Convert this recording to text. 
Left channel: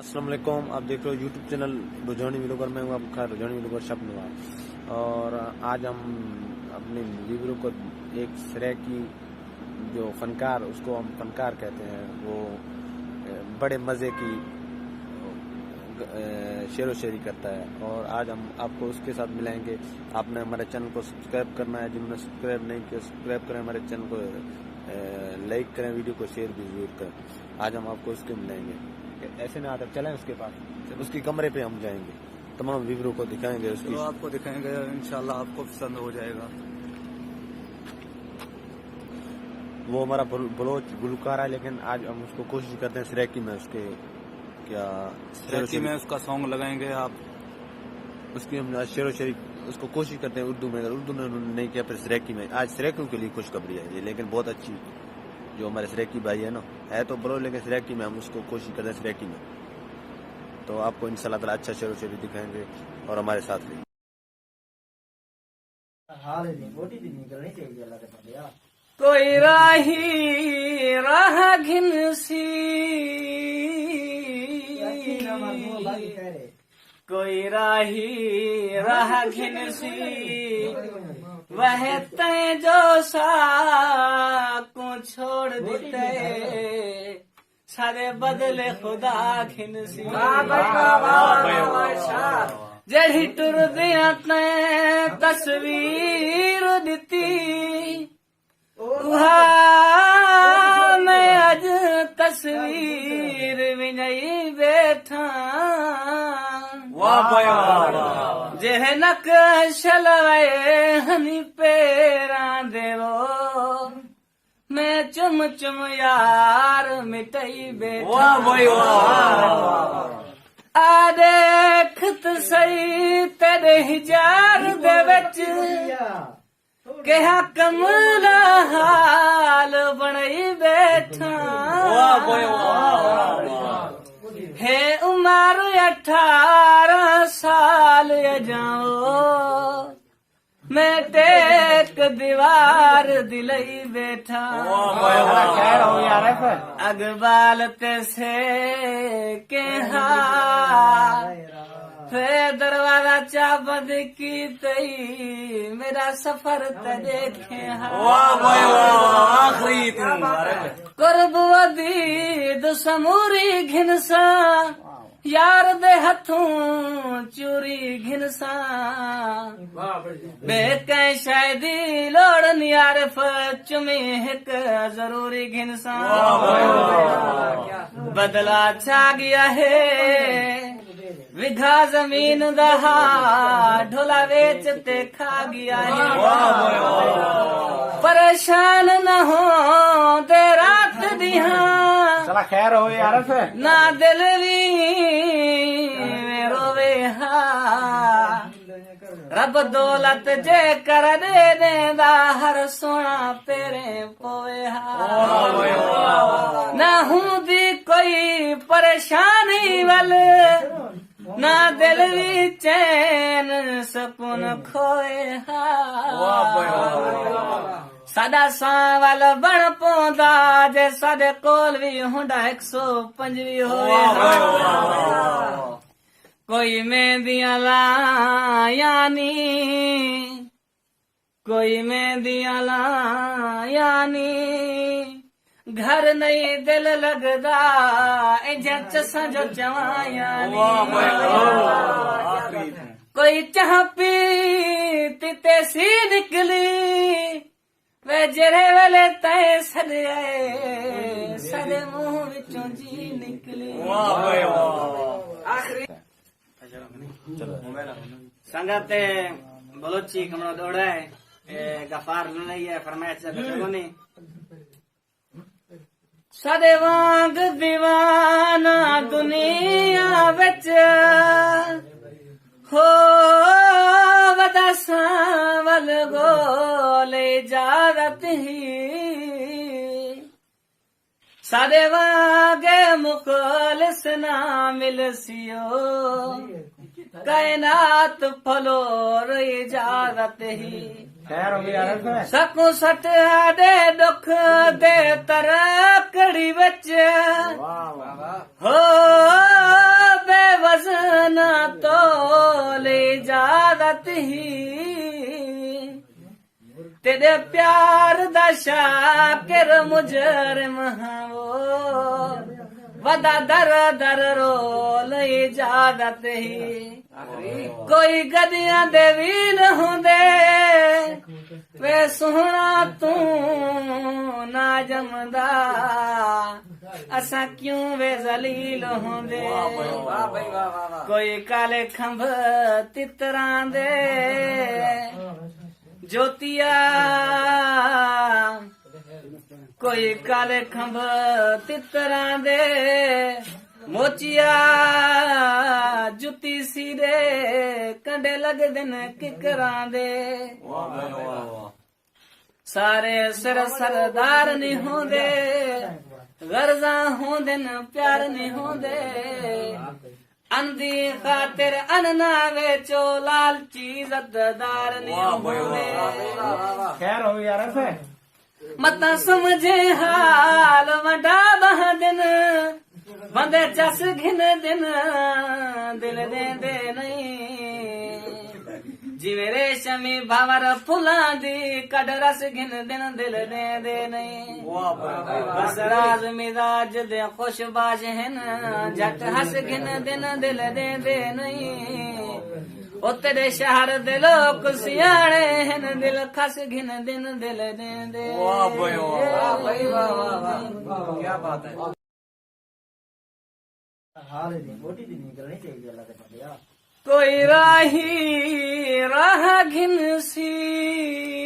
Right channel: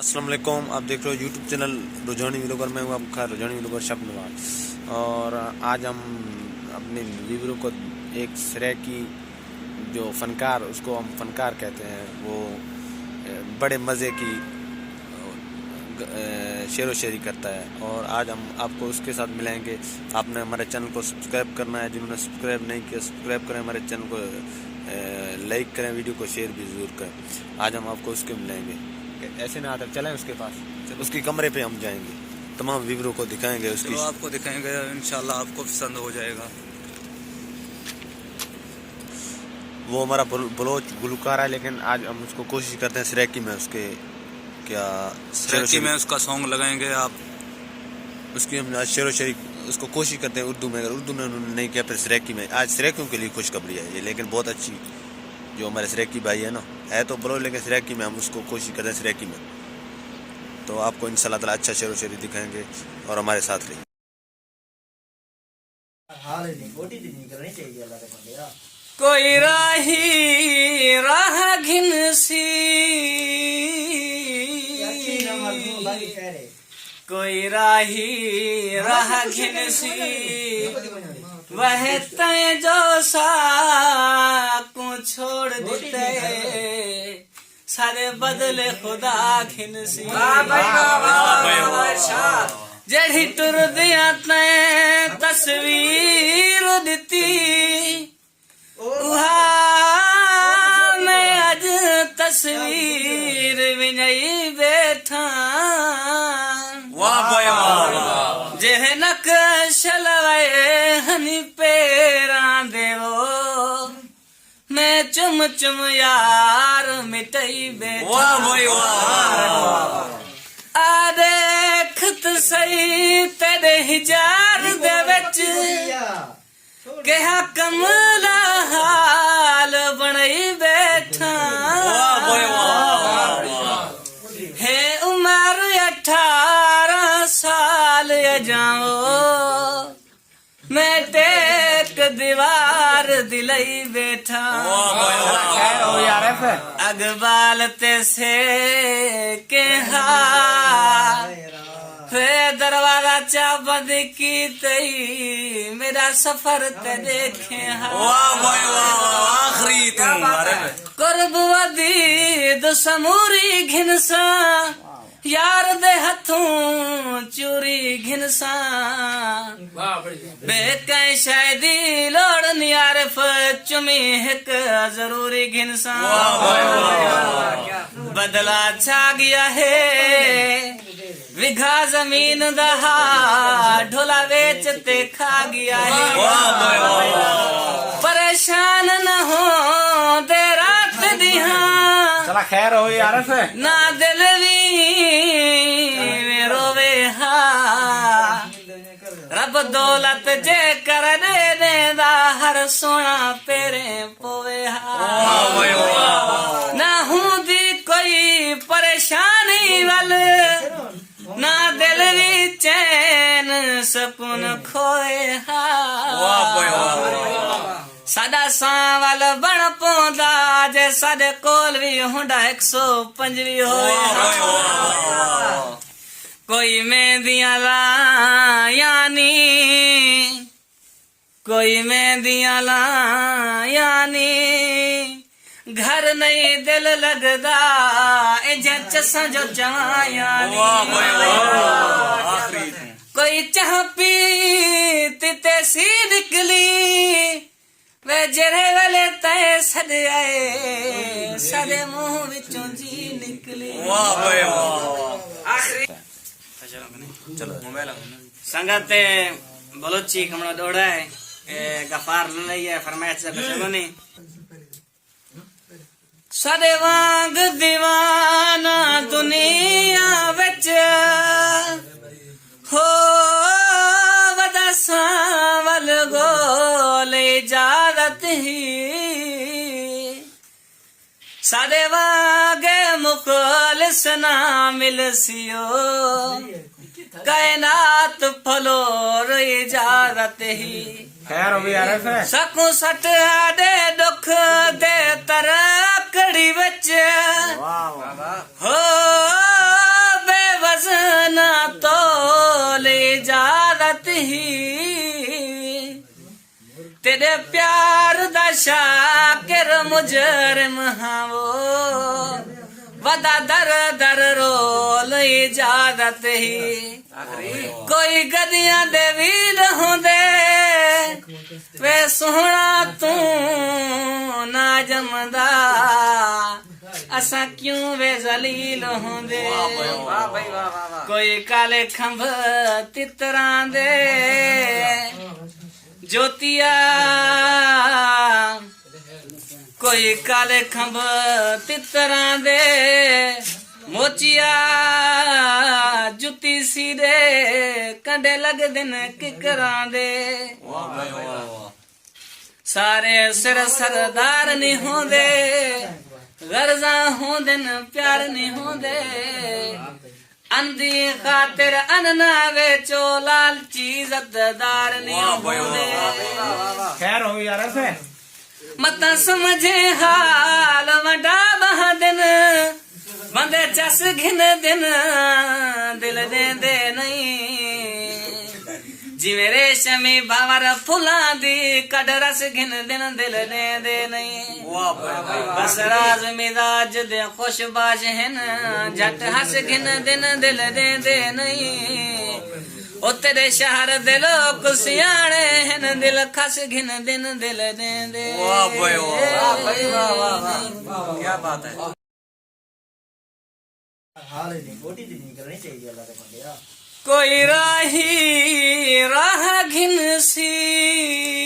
अस्सलाम वालेकुम। आप देख रहे हो यूट्यूब चैनल रुझानी व्लॉगर। मैं हूँ आपका रुझानी व्लॉगर शबनवाज। और आज हम अपने व्यूअरों को एक श्रेय की जो फनकार, उसको हम फनकार कहते हैं, वो बड़े मज़े की शेर व शायरी करता है। और आज हम आपको उसके साथ मिलाएंगे। आपने हमारे चैनल को सब्सक्राइब करना है, जिन्होंने सब्सक्राइब नहीं किया सब्सक्राइब करें, हमारे चैनल को लाइक करें, वीडियो को शेयर भी ज़रूर करें। आज हम आपको उसके मिलाएंगे। ऐसे ना आकर चलें उसके पास, उसकी कमरे पे हम जाएंगे, तमाम व्यूअरों को दिखाएंगे, उसकी आपको दिखाएंगे। इंशाल्लाह आपको पसंद हो जाएगा। वो हमारा बलोच गुलकार है, लेकिन आज हम उसको कोशिश करते हैं सराइकी में उसके क्या सराइकी में उसका सॉन्ग लगाएंगे। आप उसकी हम आज शेर व शायरी उसको कोशिश करते हैं उर्दू में। अगर उर्दू में उन्होंने नहीं किया फिर सराइकी में। आज सराइकियों के लिए खुशखबरी है ये, लेकिन बहुत अच्छी जो हमारे सराइकी भाई है ना, है तो बलोच, लेकिन सराइकी में हम उसको कोशिश करते हैं सराइकी में। तो आपको इंशाल्लाह ताला अच्छा शेर व शायरी दिखाएंगे और हमारे साथ रहिए। कोई राही राह घिनसी, कोई राही राह घिनसी, वह तय जो साकू छोड़ देते, सारे बदले खुदा घिनसी। जड़ी टुर दिया तय तस्वीर दिती, मैं अज तस्वीर में नहीं बैठा। जेह नक्श लवाए हनी पेरा देवो, मैं चुम चुम यार मिटई बैठा। आ देखत सही तेरे हिजार दे विच, कहा कमला हाल बनई बैठा। है उमर 18 साल जाओ, मैं टेक दीवार दिलई बैठा। अगबाल ते से कहा फे दरवाजा चाबद की तई, मेरा सफर ते देखे आखिरी कुर्ब वदीद समूरी घिनसा, यार दे हथों चूरी घिनसा। बेकै शायदी लोड़ नियारफ चुमी हिक जरूरी घिनसा। बदला छा गया है विघा जमीन दहा, ढोला बेचते खा गया है। परेशान न हो दे रात दिहा, चला खैर हो यार से ना दिल में रोवे हा। रब दौलत जे कर दे देंदा, हर सोना पेरे पोवे हा। ना हूं दी कोई परेशानी वाल, ना दिल भी चैन सुकून खोए हा। साडा सांवल बन पौंदा, जे साडे कोल भी हुंडा 125 होए हा। कोई मेहंदियां लायानी, कोई मेहंदियां लायानी, घर नहीं दिल लगदा चसा जो जवाया। कोई चाह पीते सी निकली, वे जरे वाले तय सद आए, सदे मुंह विचों जी निकली। आखिरी संगत बलोची कमरा दौड़ा है, गफार लई है फरमाइश से कुछ नहीं। सदे वांग दीवाना दुनिया विच हो, वदा सांवल गोले इजाजत ही। सदे वांगे मुखलिस ना मिलसियो, कायनात फलोर इजाजत ही। खैर हो यार से सकू सट दे दुख दे तरकड़ी विच हो तेरे प्यार दा शाकिर मुजरिम हाँ वो वदा दर दर रोल इजाजत ही कोई गदियां दे वील होंदे वे सोहना तू ना जमदा असा क्यों वे जलील होंदे कोई काले खंभ तितरां दे ज्योतिया कोई काले खंभ तितरां दे मोचिया जुती सीरे कंडे लगदे न किकरां दे सारे सिर सरदार नहीं होंदे गर्जा होंदे न प्यार नहीं होंदे अंधी खातिर अनना वेचो लालची इज्जतदार नहीं होंदे खैर हो यार ऐसे मता समझे हाल वडा बहादिन बंदे चस घिन दिन दिल देंदे नहीं जिवें रेशमी भंवर फुलां दी कड रस घिन दिन दिल देंदे नहीं बस राज मिजाज दे खुशबाश हन झट हस घिन दिन दिल देंदे नहीं ओ तेरे शहर दे लोग सियाणे हन दिल खस घिन दिन दिल देंदे वाह भाई वाह भाई वाह वाह वाह क्या बात है कोई राही राह घिन सी